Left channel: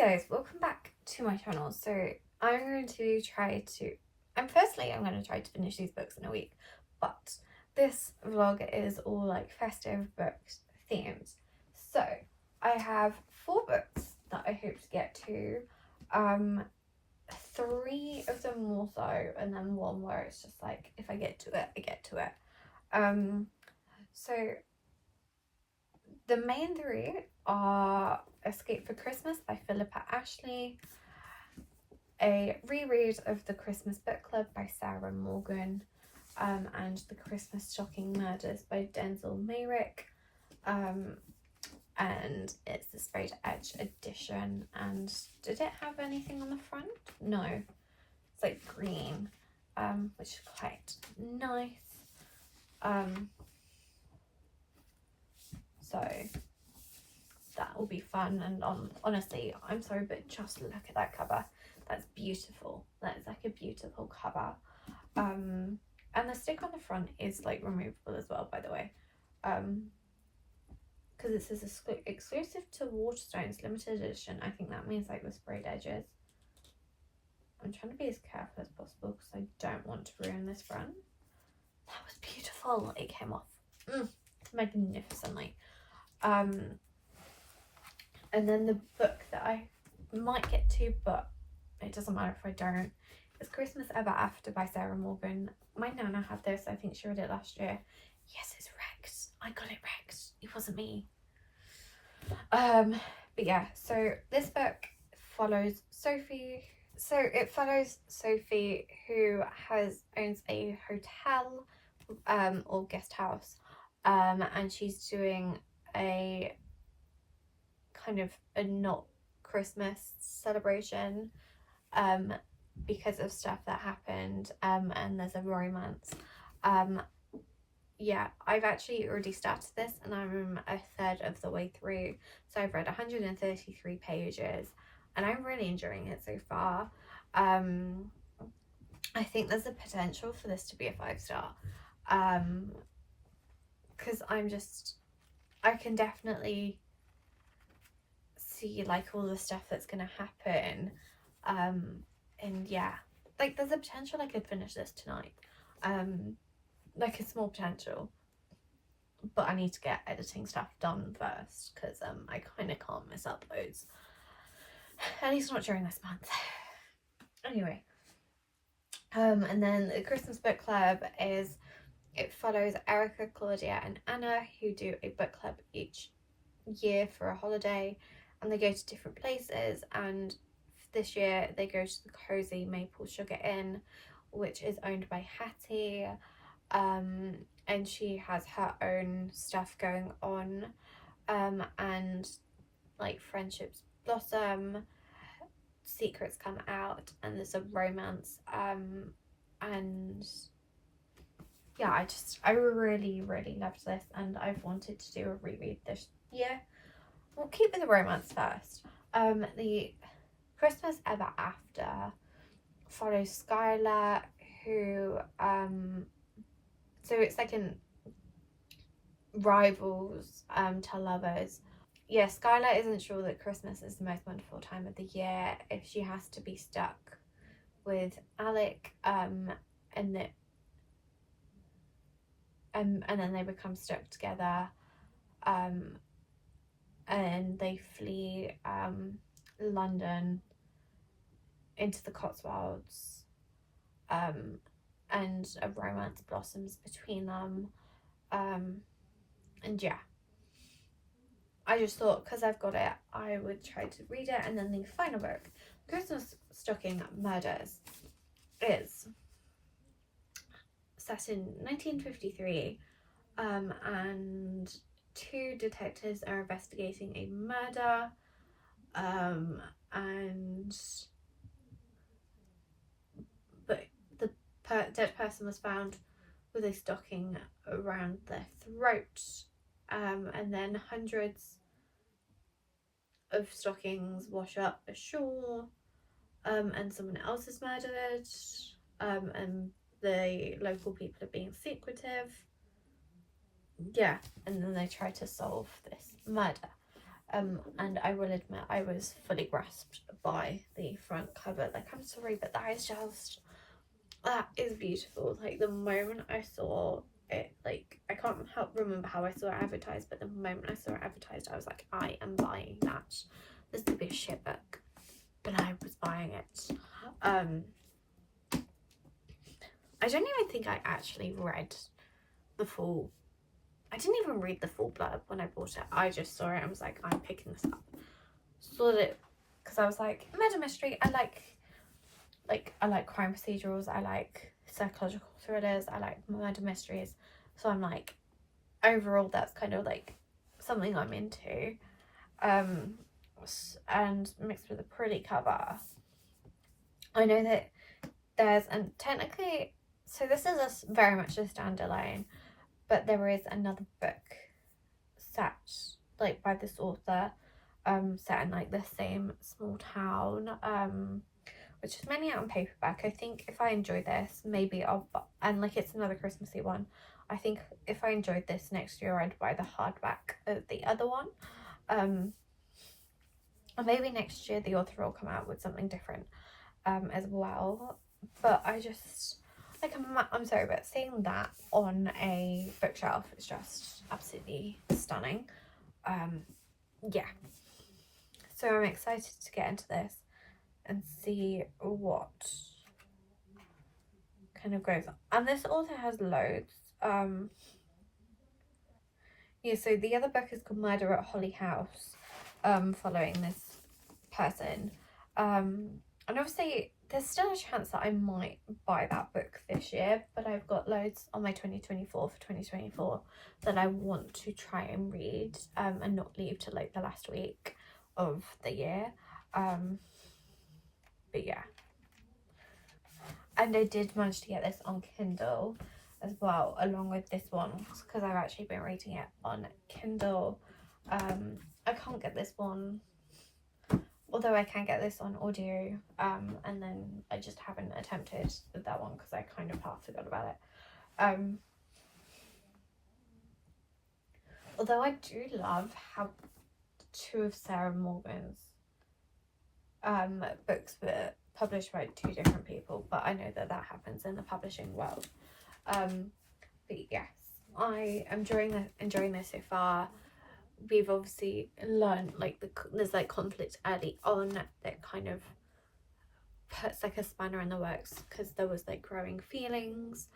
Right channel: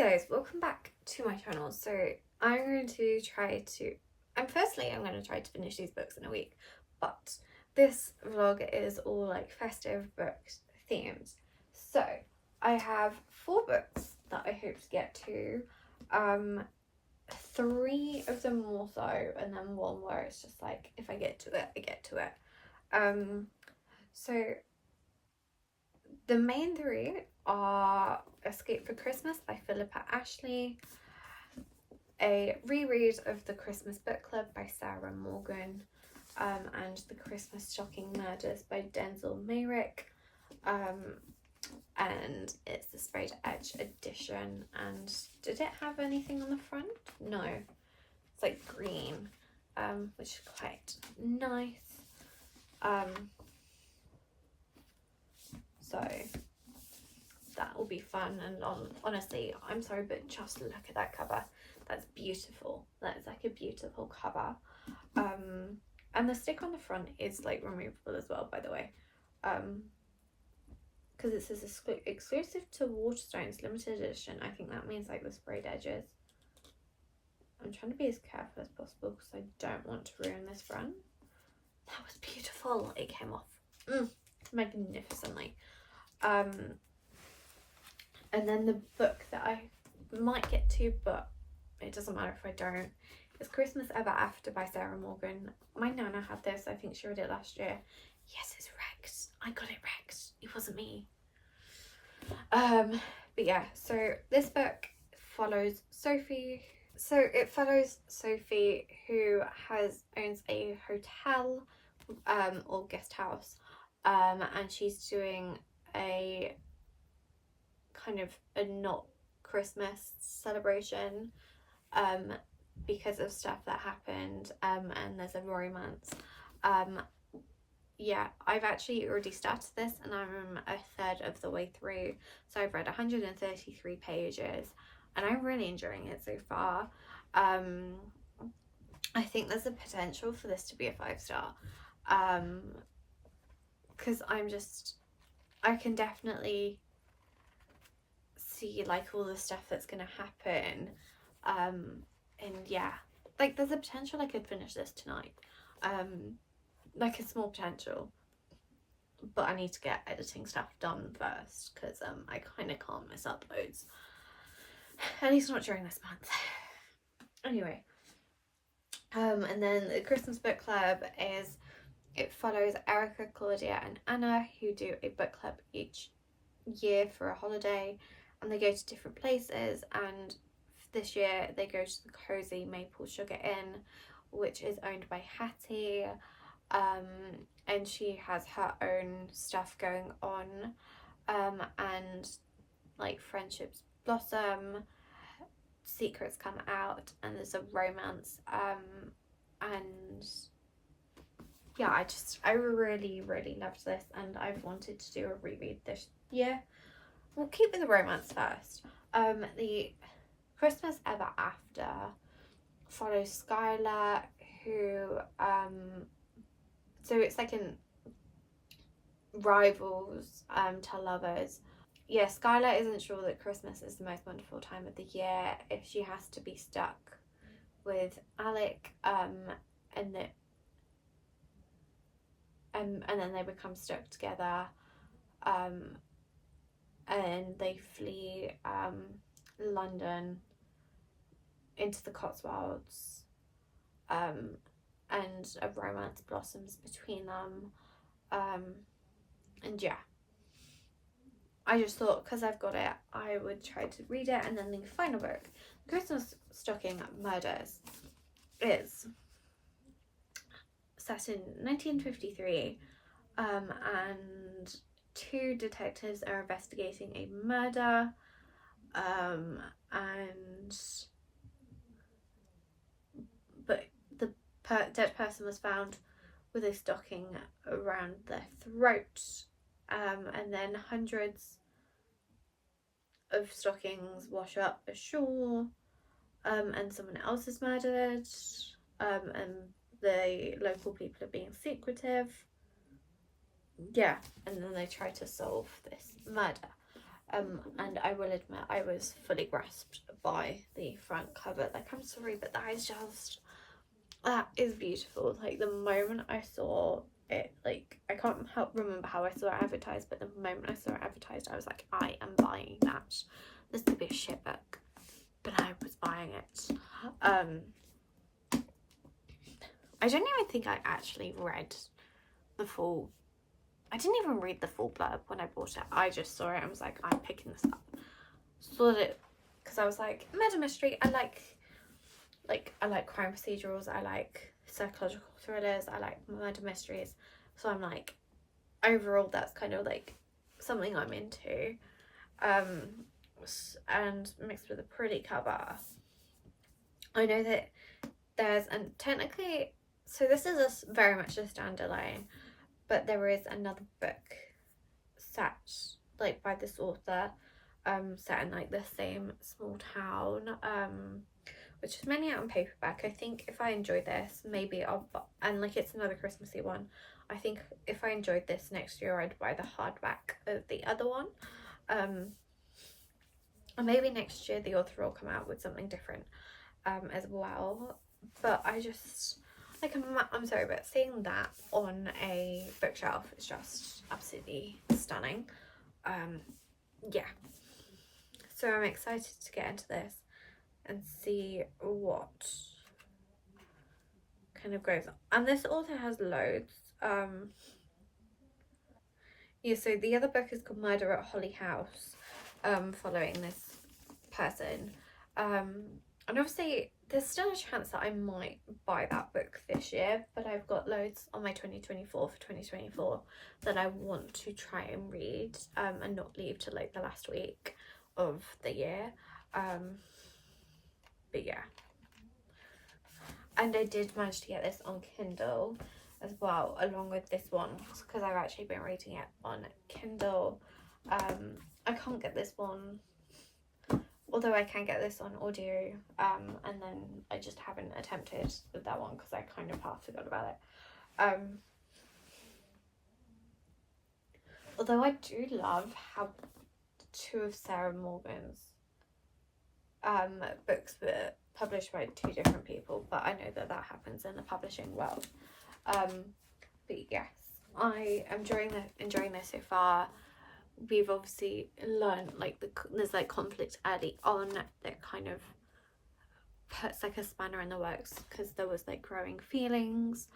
guys, welcome back to my channel. So I'm going to try to, firstly I'm going to try to finish these books in a week, but this vlog is all like festive books themed. So I have 4 books that I hope to get to, 3 of them more so, and then 1 where it's just like, if I get to it, I get to it. So the main 3 are Escape for Christmas by Philippa Ashley, a reread of The Christmas Book Club by Sarah Morgan, and The Christmas Stocking Murders by Denzel Mayrick, and it's the sprayed edge edition. And did it have anything on the front? No, it's like green, which is quite nice. So that will be fun, and honestly, I'm sorry, but just look at that cover. That's beautiful. That is like a beautiful cover. And the stick on the front is like removable as well, by the way, because it says exclusive to Waterstones limited edition. I think that means like the sprayed edges. I'm trying to be as careful as possible because I don't want to ruin this front. That was beautiful. It came off magnificently. And then the book that I might get to, but it doesn't matter if I don't, is Christmas Ever After by Sarah Morgan. My nana had this. I think she read it last year. Yes, it's wrecked. I got it wrecked. It wasn't me. But yeah, so this book follows Sophie. So it follows Sophie, who owns a hotel or guest house, and she's doing a kind of a not Christmas celebration because of stuff that happened, and there's a romance. Yeah, I've actually already started this and I'm a third of the way through, so I've read 133 pages and I'm really enjoying it so far. I think there's a potential for this to be a 5-star, because I can definitely see like all the stuff that's gonna happen, and yeah, like there's a potential I could finish this tonight, like a small potential, but I need to get editing stuff done first because I kind of can't miss uploads, at least not during this month. Anyway, and then the Christmas Book Club it follows Erica, Claudia and Anna, who do a book club each year for a holiday, and they go to different places, and this year they go to the Cozy Maple Sugar Inn, which is owned by Hattie, and she has her own stuff going on, and like friendships blossom, secrets come out, and there's a romance, and yeah, I really loved this, and I've wanted to do a reread this year. We'll keep with the romance first. The Christmas Ever After follows Skylar, who so it's like an rivals to lovers. Yeah, Skylar isn't sure that Christmas is the most wonderful time of the year if she has to be stuck with Alec, and then they become stuck together, and they flee London into the Cotswolds, and a romance blossoms between them, and yeah, I just thought because I've got it I would try to read it. And then the final book, Christmas Stocking Murders, is set in 1953, and 2 detectives are investigating a murder, but the dead person was found with a stocking around their throat, and then hundreds of stockings wash up ashore, and someone else is murdered, and the local people are being secretive. Yeah, and then they try to solve this murder. and I will admit I was fully grasped by the front cover. Like, I'm sorry, but that is beautiful. Like, the moment I saw it, like, I can't remember how I saw it advertised, but the moment I saw it advertised, I was like, I am buying that. This could be a shit book, but I was buying it. I don't even think I actually read the full, I didn't even read the full blurb when I bought it. I just saw it and was like, I'm picking this up. Saw it because I was like, murder mystery. I like crime procedurals. I like psychological thrillers. I like murder mysteries. So I'm like, overall, that's kind of like something I'm into. And mixed with a pretty cover. I know that there's, and technically, so this is very much a standalone, but there is another book set like by this author, set in like the same small town, which is mainly out on paperback. I think if I enjoy this, maybe and like it's another Christmassy one. I think if I enjoyed this next year, I'd buy the hardback of the other one. And maybe next year the author will come out with something different as well. But I just, like, I'm sorry, but seeing that on a bookshelf is just absolutely stunning. Yeah. So I'm excited to get into this and see what kind of goes on. And this author has loads. Yeah, so the other book is called Murder at Holly House, following this person. And obviously there's still a chance that I might buy that book this year, but I've got loads on my 2024 that I want to try and read, and not leave to like the last week of the year. But yeah, and I did manage to get this on Kindle as well, along with this one, because I've actually been reading it on Kindle. I can't get this one, although I can get this on audio, and then I just haven't attempted with that one because I kind of half forgot about it. Although I do love how two of Sarah Morgan's books were published by two different people, but I know that happens in the publishing world. But yes, I am enjoying this so far. We've obviously learned like there's like conflict early on that kind of puts like a spanner in the works, because there was like growing feelings,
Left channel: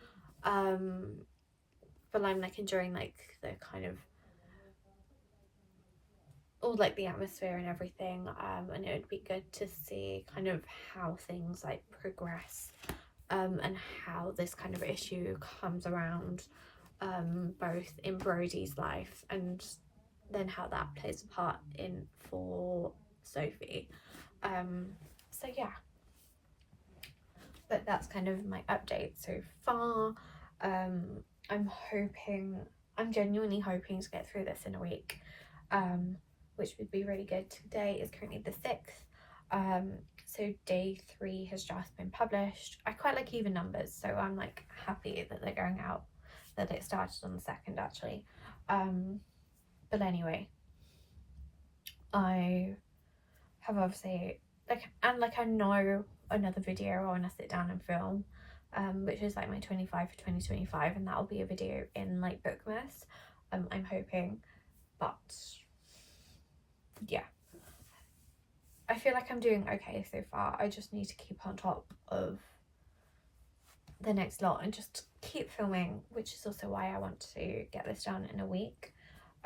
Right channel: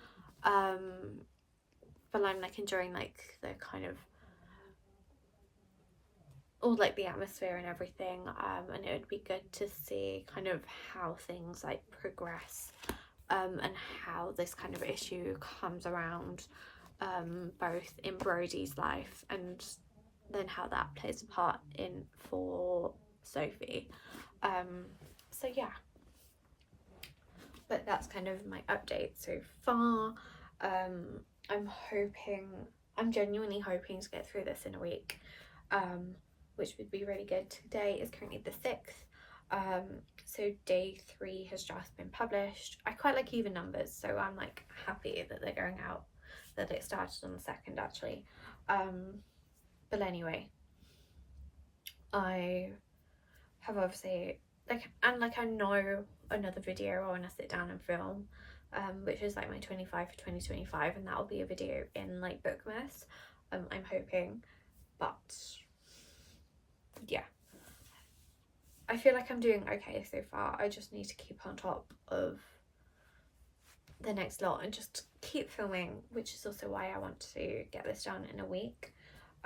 but I'm like enjoying like the kind of all like the atmosphere and everything, and it would be good to see kind of how things like progress, and how this kind of issue comes around, both in Brodie's life and then how that plays a part in for Sophie. So yeah, but that's kind of my update so far. I'm genuinely hoping to get through this in a week, which would be really good. Today is currently the 6th, so day 3 has just been published. I quite like even numbers, so I'm like happy that they're going out, that it started on the 2nd actually. But anyway, I have obviously I know another video I want to sit down and film, which is like my 25 for 2025, and that'll be a video in like bookmas, I'm hoping. But yeah, I feel like I'm doing okay so far. I just need to keep on top of the next lot and just keep filming, which is also why I want to get this done in a week.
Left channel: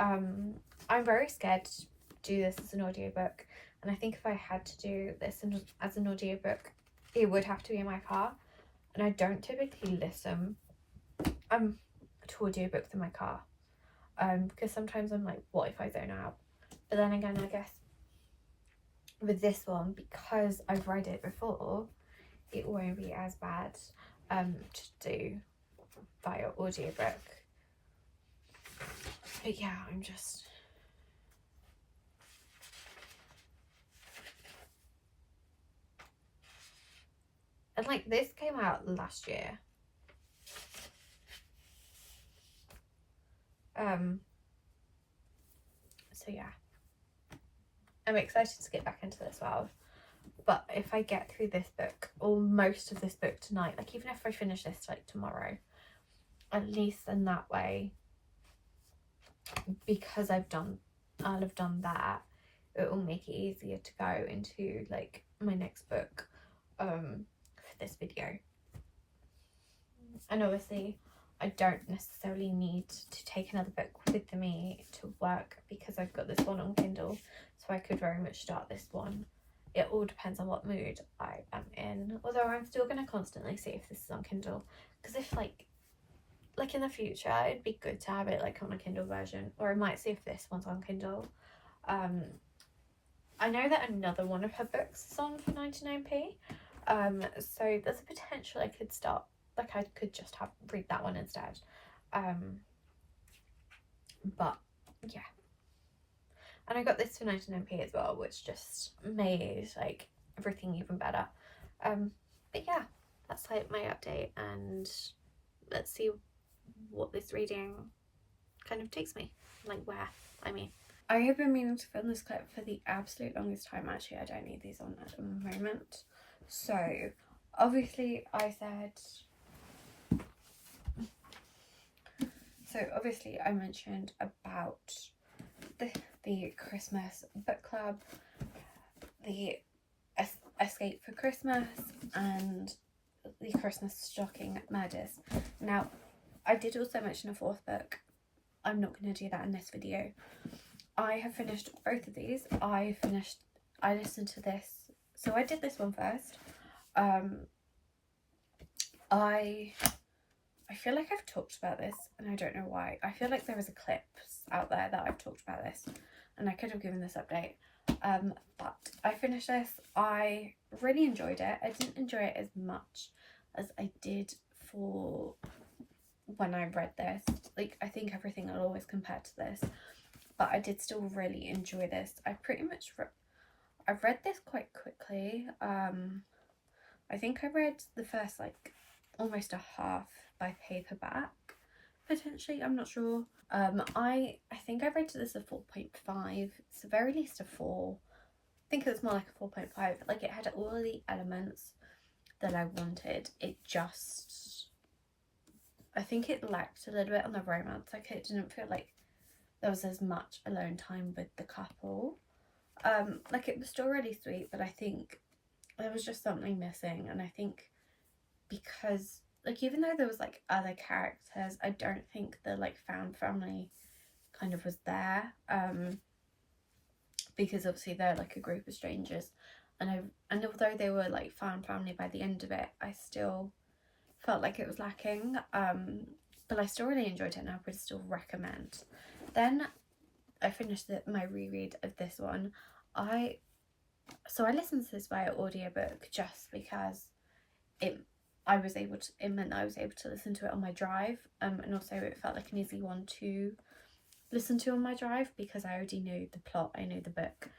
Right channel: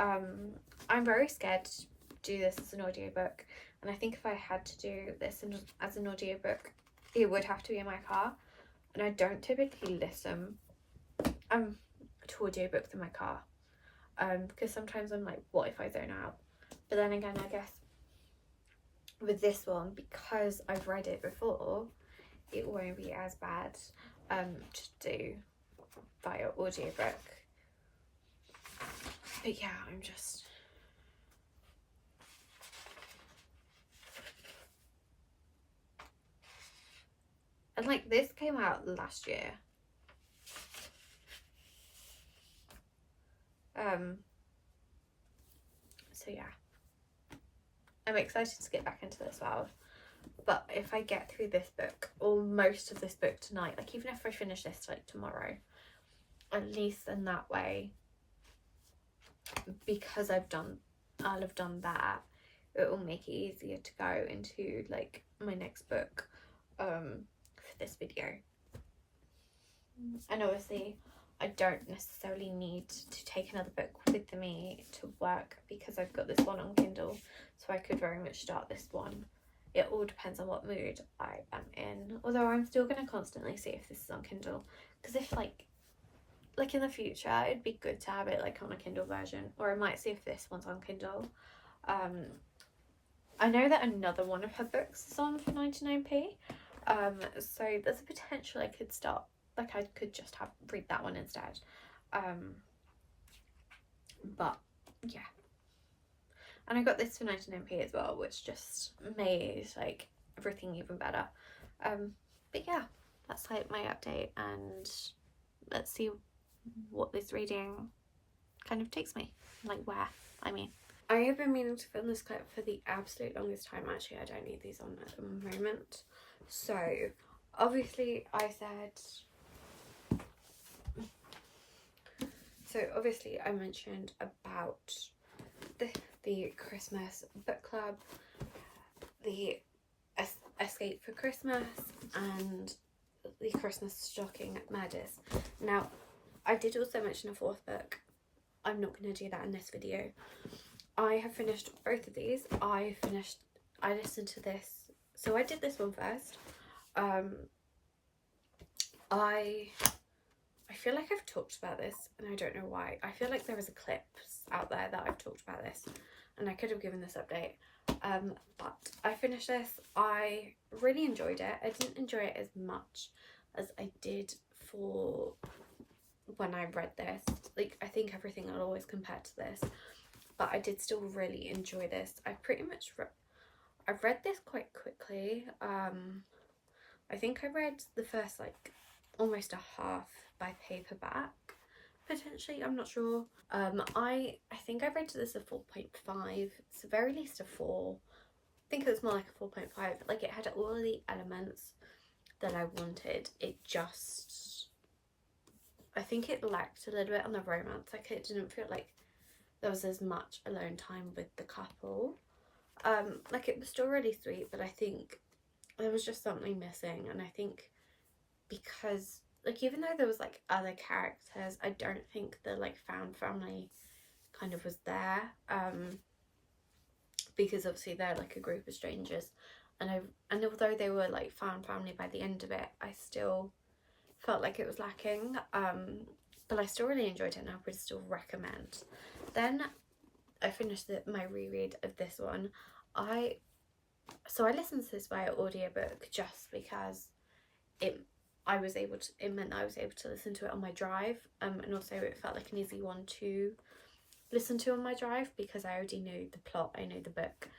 I'm very scared to do this as an audiobook, and I think if I had to do this as an audiobook, it would have to be in my car, and I don't typically listen to audiobooks in my car, because sometimes I'm like, what if I zone out? But then again, I guess with this one, because I've read it before, it won't be as bad to do via audiobook. But yeah, I'm just and like this came out last year, so yeah, I'm excited to get back into this world. But if I get through this book, or most of this book tonight, like even if I finish this like tomorrow, at least in that way, because I'll have done that, it will make it easier to go into like my next book for this video. And obviously I don't necessarily need to take another book with me to work because I've got this one on Kindle, so I could very much start this one. It all depends on what mood I am in, although I'm still going to constantly see if this is on Kindle, because if like in the future it'd be good to have it like on a Kindle version, or I might see if this one's on Kindle. I know that another one of her books is on for 99p, so there's a potential I could start, like I could just read that one instead. But yeah, and I got this for 99p as well, which just made like everything even better. But yeah, that's like my update, and let's see what this reading kind of takes me, like where. I have been meaning to film this clip for the absolute longest time. Actually, I don't need these on at the moment. So obviously I mentioned about the Christmas book club, the Escape for Christmas, and the Christmas stocking murders. Now, I did also mention a fourth book. I'm not going to do that in this video. I have finished both of these. I listened to this. So I did this one first. I feel like I've talked about this, and I don't know why. I feel like there is a clip out there that I've talked about this, and I could have given this update. But I finished this. I really enjoyed it. I didn't enjoy it as much as I did for when I read this. Like, I think everything I'll always compare to this, but I did still really enjoy this. I've read this quite quickly. I think I read the first like almost a half by paperback, potentially, I'm not sure. I think I rated this a 4.5. It's the very least a 4. I think it was more like a 4.5. Like, it had all of the elements that I wanted. It just, I think it lacked a little bit on the romance. Like, it didn't feel like there was as much alone time with the couple. Like, it was still really sweet, but I think there was just something missing. And I think because, like, even though there was like other characters, I don't think the like found family kind of was there, because obviously they're like a group of strangers, and although they were like found family by the end of it, I still felt like it was lacking. But I still really enjoyed it, and I would still recommend. Then I finished my reread of this one. I listened to this via audiobook just because it meant that I was able to listen to it on my drive, and also it felt like an easy one to listen to on my drive because I already knew the plot, I knew the book.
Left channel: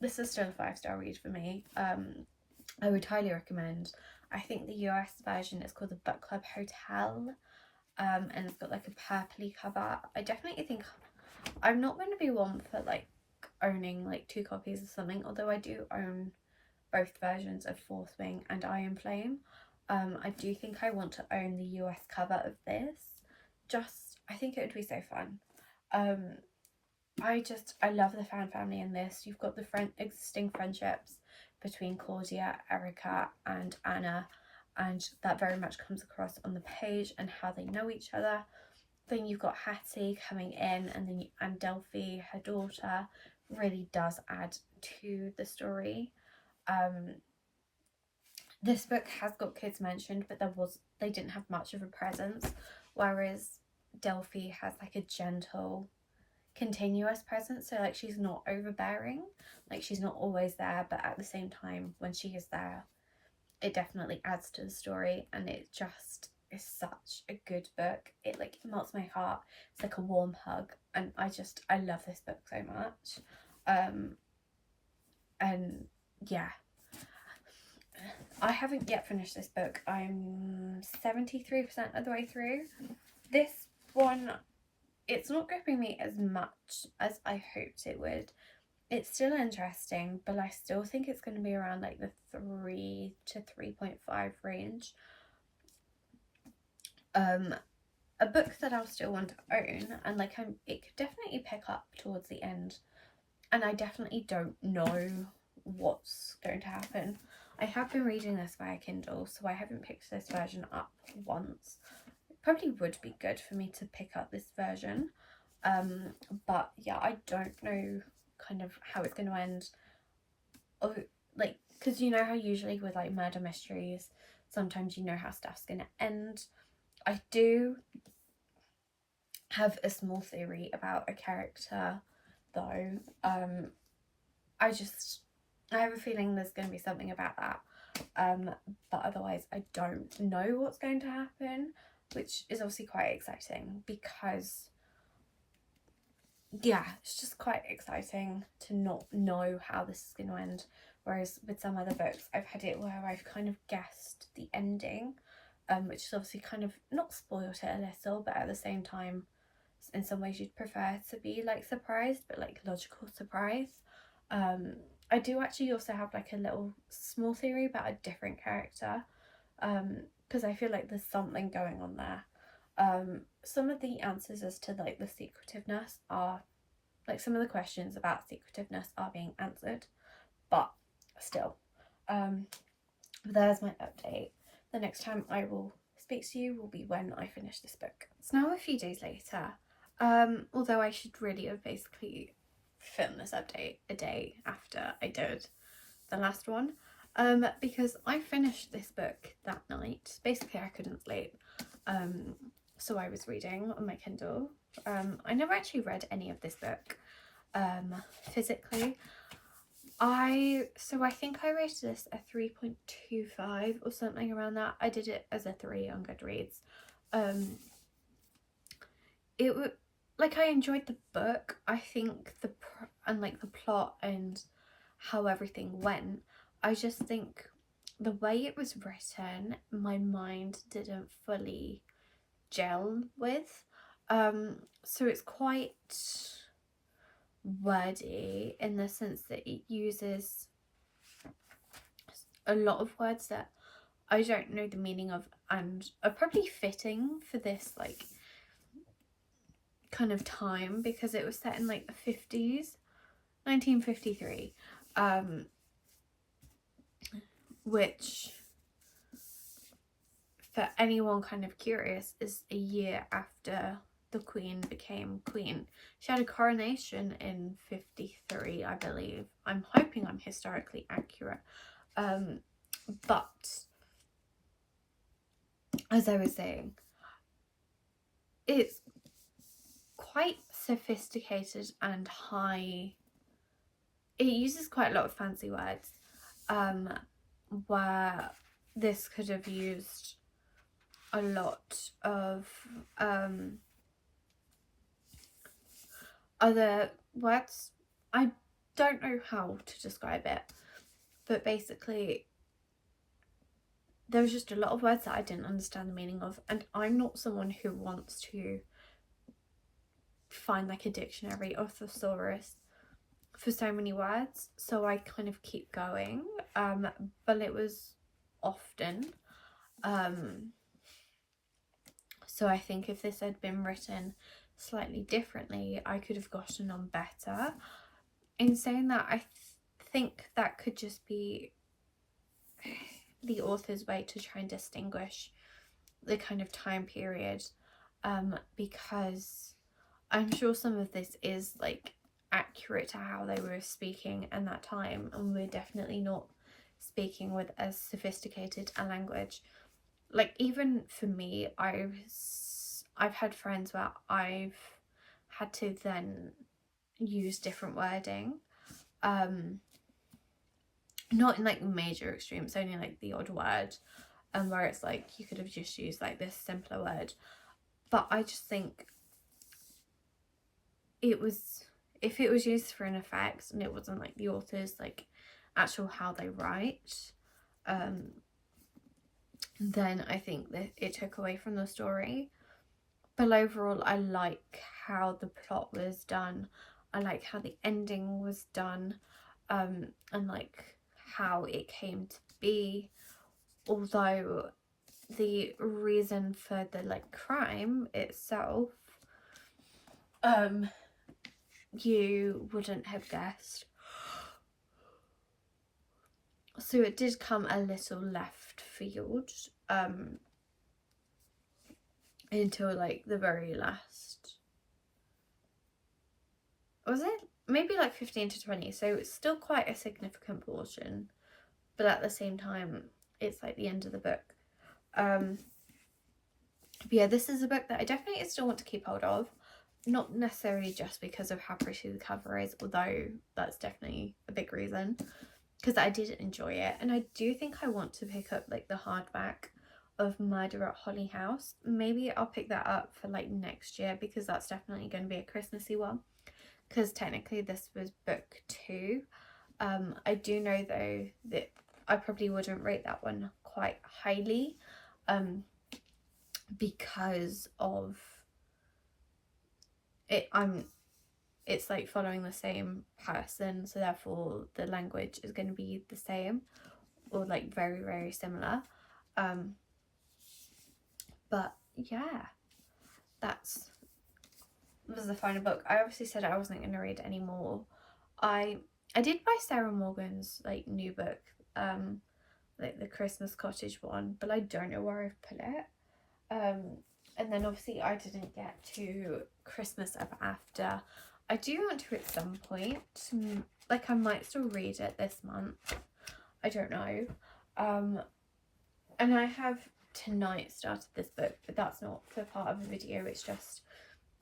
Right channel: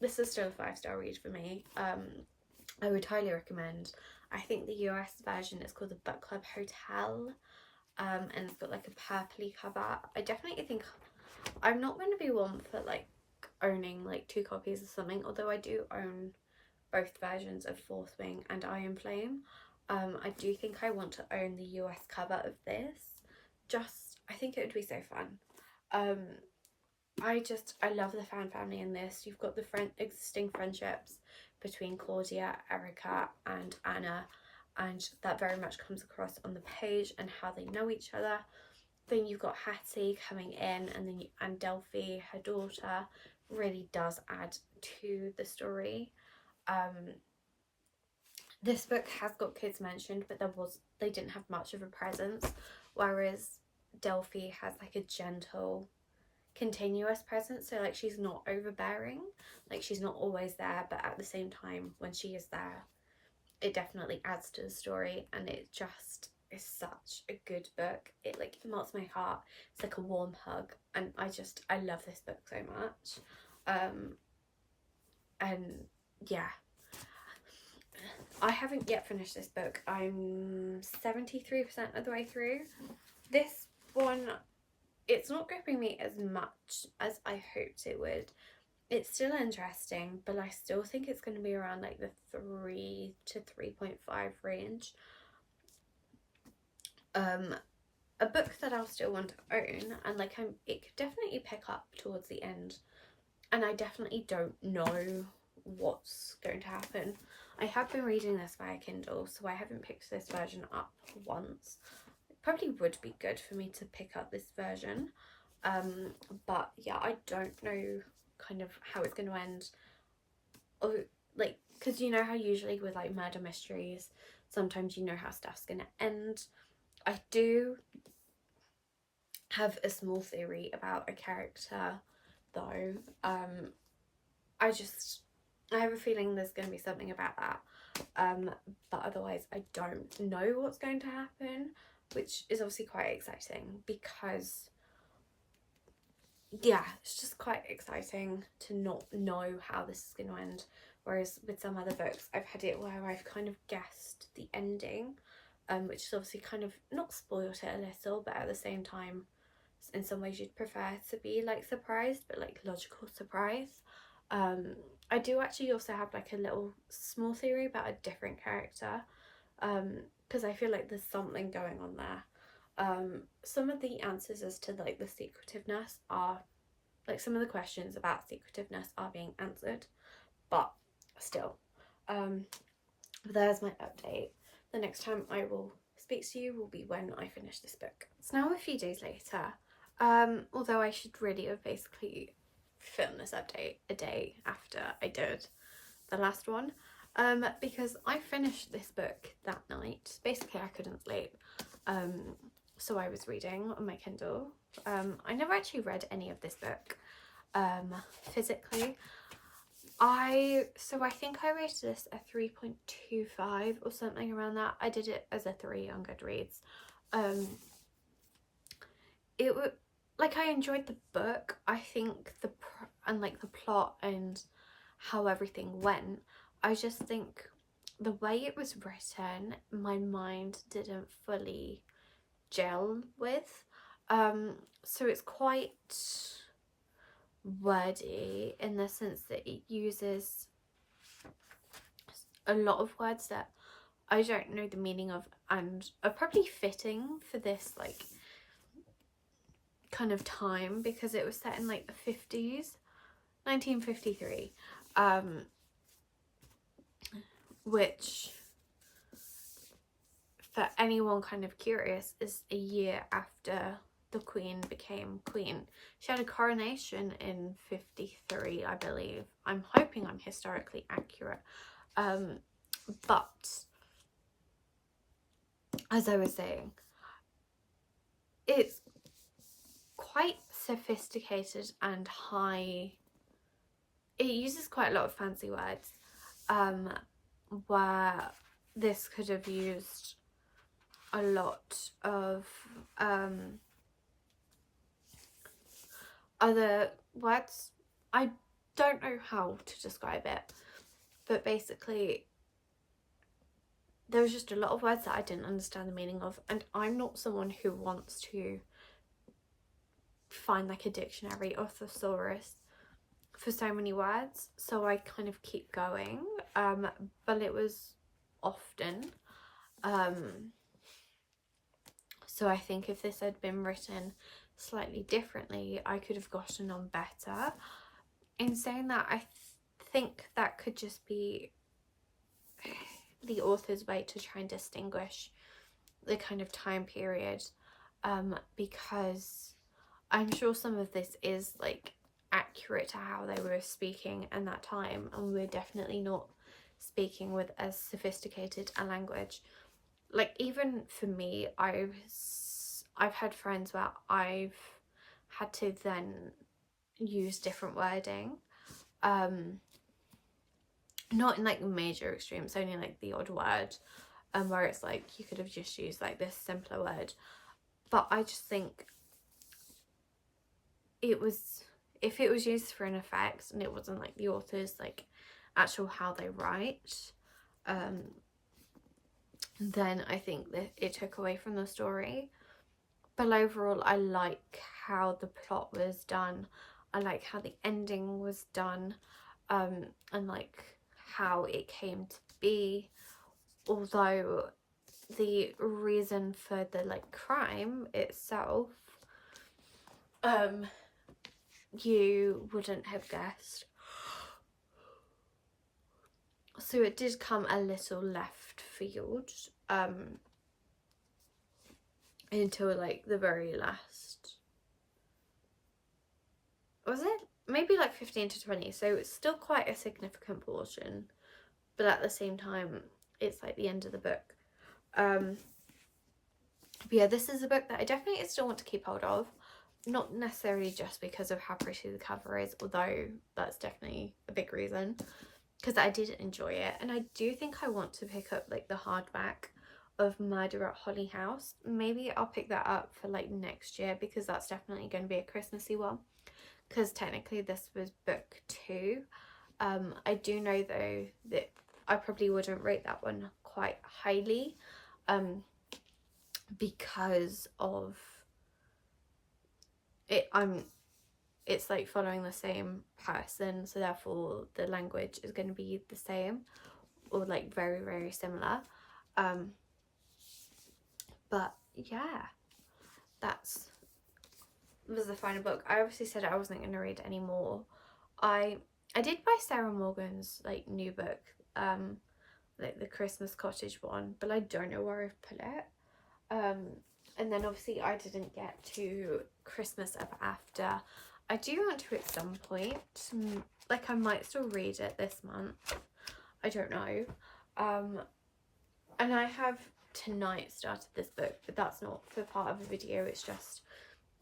This is still a 5-star read for me. I would highly recommend. I think the US version is called the Book Club Hotel, and it's got like a purpley cover. I definitely think I'm not going to be one for like owning like 2 copies or something, although I do own both versions of Fourth Wing and Iron Flame. I do think I want to own the US cover of this. I think it would be so fun. I love the fan family in this. You've got the existing friendships between Claudia, Erica, and Anna, and that very much comes across on the page and how they know each other. Then you've got Hattie coming in, and Delphi, her daughter, really does add to the story. This book has got kids mentioned, but they didn't have much of a presence, whereas Delphi has like a gentle, continuous presence. So like, she's not overbearing, like she's not always there, but at the same time when she is there, it definitely adds to the story, and it just is such a good book. It like melts my heart. It's like a warm hug, and I love this book so much. And yeah, I haven't yet finished this book. I'm 73% of the way through. This one, it's not gripping me as much as I hoped it would. it's still interesting, but I still think it's going to be around like the 3 to 3.5 range. A book that I'll still want to own, and like it could definitely pick up towards the end, and I definitely don't know what's going to happen. I have been reading this via Kindle, so I haven't picked this version up once. It probably would be good for me to pick up this version, but yeah, I don't know kind of how it's going to end. Or like, because you know how usually with like murder mysteries, sometimes you know how stuff's going to end. I do have a small theory about a character though. I have a feeling there's going to be something about that, but otherwise I don't know what's going to happen, which is obviously quite exciting, because yeah, it's just quite exciting to not know how this is going to end. Whereas with some other books, I've had it where I've kind of guessed the ending, which is obviously kind of not spoiled it a little, but at the same time, in some ways you'd prefer to be like surprised, but like logical surprise. I do actually also have like a little small theory about a different character, because I feel like there's something going on there. Some of the answers as to like the secretiveness are, like some of the questions about secretiveness are being answered, but still, there's my update. The next time I will speak to you will be when I finish this book. It's now a few days later, although I should really have basically filmed this update a day after I did the last one, because I finished this book that night. Basically I couldn't sleep, so I was reading on my Kindle. I never actually read any of this book physically. I think I rated this a 3.25 or something around that. I did it as a 3 on Goodreads. It was like, I enjoyed the book. I think the plot and how everything went, I just think the way it was written, my mind didn't fully gel with. So it's quite wordy in the sense that it uses a lot of words that I don't know the meaning of, and are probably fitting for this like kind of time, because it was set in like the 50s, 1953, which for anyone kind of curious is a year after the Queen became Queen. She had a coronation in 53, I believe. I'm hoping I'm historically accurate. But as I was saying, it's quite sophisticated and high. It uses quite a lot of fancy words, where this could have used a lot of other words. I don't know how to describe it, but basically there was just a lot of words that I didn't understand the meaning of, and I'm not someone who wants to find like a dictionary or thesaurus for so many words, so I kind of keep going, but it was often, so I think if this had been written slightly differently, I could have gotten on better. In saying that, I think that could just be the author's way to try and distinguish the kind of time period, because I'm sure some of this is like accurate to how they were speaking in that time, and we're definitely not speaking with as sophisticated a language. Like, even for me, I've had friends where I've had to then use different wording, not in like major extremes, only like the odd word, where it's like you could have just used like this simpler word. But I just think it was, if it was used for an effect and it wasn't like the author's like actual how they write, then I think that it took away from the story. But overall, I like how the plot was done. I like how the ending was done, and like how it came to be, although the reason for the like crime itself you wouldn't have guessed. So it did come a little left field until like the very last, was it maybe like 15 to 20, so it's still quite a significant portion, but at the same time it's like the end of the book. But yeah, this is a book that I definitely still want to keep hold of, not necessarily just because of how pretty the cover is, although that's definitely a big reason, because I did enjoy it. And I do think I want to pick up like the hardback of Murder at Holly House. Maybe I'll pick that up for like next year, because that's definitely going to be a Christmassy one, because technically this was book 2. I do know though that I probably wouldn't rate that one quite highly, because of it. It's like following the same person, so therefore the language is going to be the same, or like very, very similar. But yeah, was the final book. I obviously said I wasn't going to read any more. I did buy Sarah Morgan's like new book, like the Christmas Cottage one, but I don't know where I've put it. And then obviously I didn't get to Christmas Ever After. I do want to at some point, like I might still read it this month, I don't know. And I have tonight started this book, but that's not for part of the video, it's just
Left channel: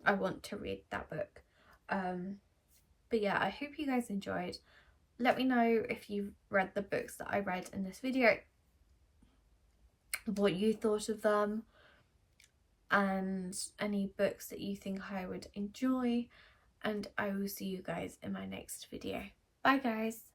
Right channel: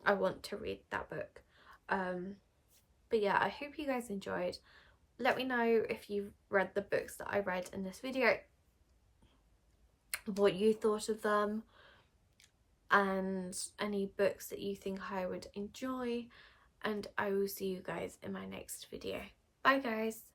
I want to read that book. But yeah, I hope you guys enjoyed. Let me know if you've read the books that I read in this video, what you thought of them, and any books that you think I would enjoy, and I will see you guys in my next video. Bye guys.